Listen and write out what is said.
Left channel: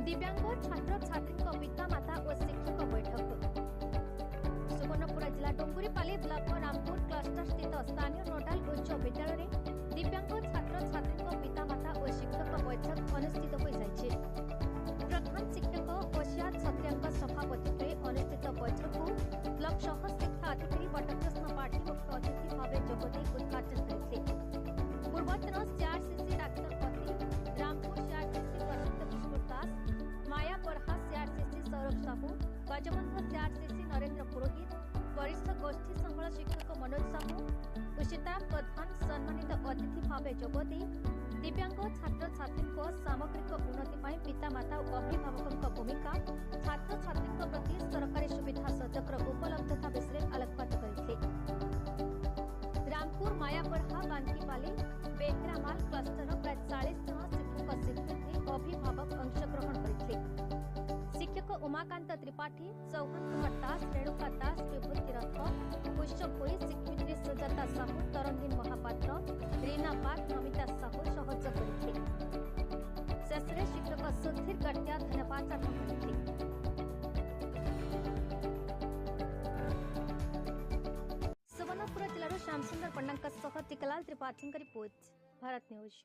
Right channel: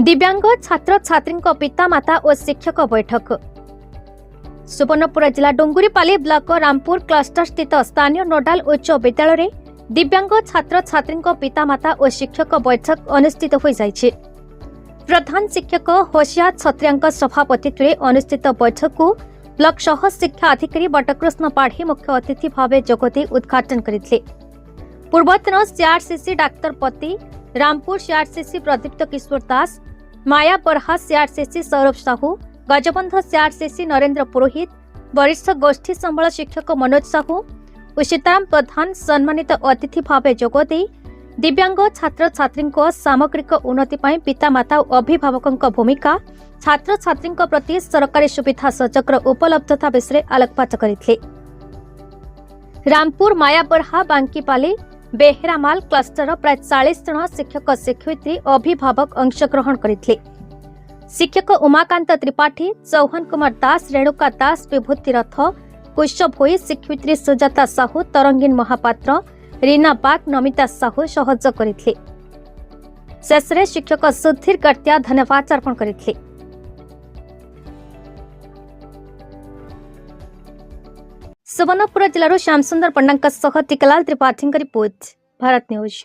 दिव्यांग छात्र छात्री पिता माता और शिक्षक बैठक। सुवर्णपुर जिला डुंगुरीपाली ब्लॉक रामपुर क्लस्टर स्थित स्थानीय नोडाल उच्च विद्यालय रे दिव्यांग छात्र छात्री पिता माता और शिक्षक बैठक अनुष्ठित हो जाइछे। प्रधान शिक्षक होशियार छत्रिया सभापतित्व में अनुष्ठित बैठक को ब्लॉक सह शिक्षा अधिकारी बटकृष्ण पाढ़ी मुख्य अतिथि भाव जोगदे उद्घाटन करथिले। पूर्वतन सीआरसीसी डाक्तर पति, रामपुर सीआरसीसी प्रदीप्त किशोर दास, माया बरहा सीआरसीसी सौरभ साहू, गजबंध सीआरसीसी नरेंद्र पुरोहित, वरिष्ठ गोष्ठी संबल शिक्षक मनोज साहू और सीताराम प्रधान सम्मानित अतिथि भाव जोगदे दिव्यांग छात्र छात्री सामग्रिक उन्नति पितामाता और अभिभावकों भूमिका, छात्र छात्री प्रति सरकारी सुविधा सुजोगर उपलब्धता विषय आलोकपात करथिले। रामपुर मायाबरहा बांकीपाली बेहेरामाल क्लस्टर प्राय 40 जन शिक्षक शिक्षयित्री अभिभावक अंशग्रहण करथिले। शिक्षक उमाकांत त्रिपाठी, चौहान कुमार दास, रेणुका दास, विभूति रथ, कुश भोई, शिक्षयित्री सुजाता साहू, तरंगीन महापात्र, रीना बाग, नमिता साहू सहयोग करथिले। शेषरे शिक्षक सुधीर गट्या धन्यवाद अर्पण करथिले। सुवर्णपुर जिलार श्यामसुंदर पंडा टिकलाल त्रिपाठी रिपोर्ट, भारत न्यूज।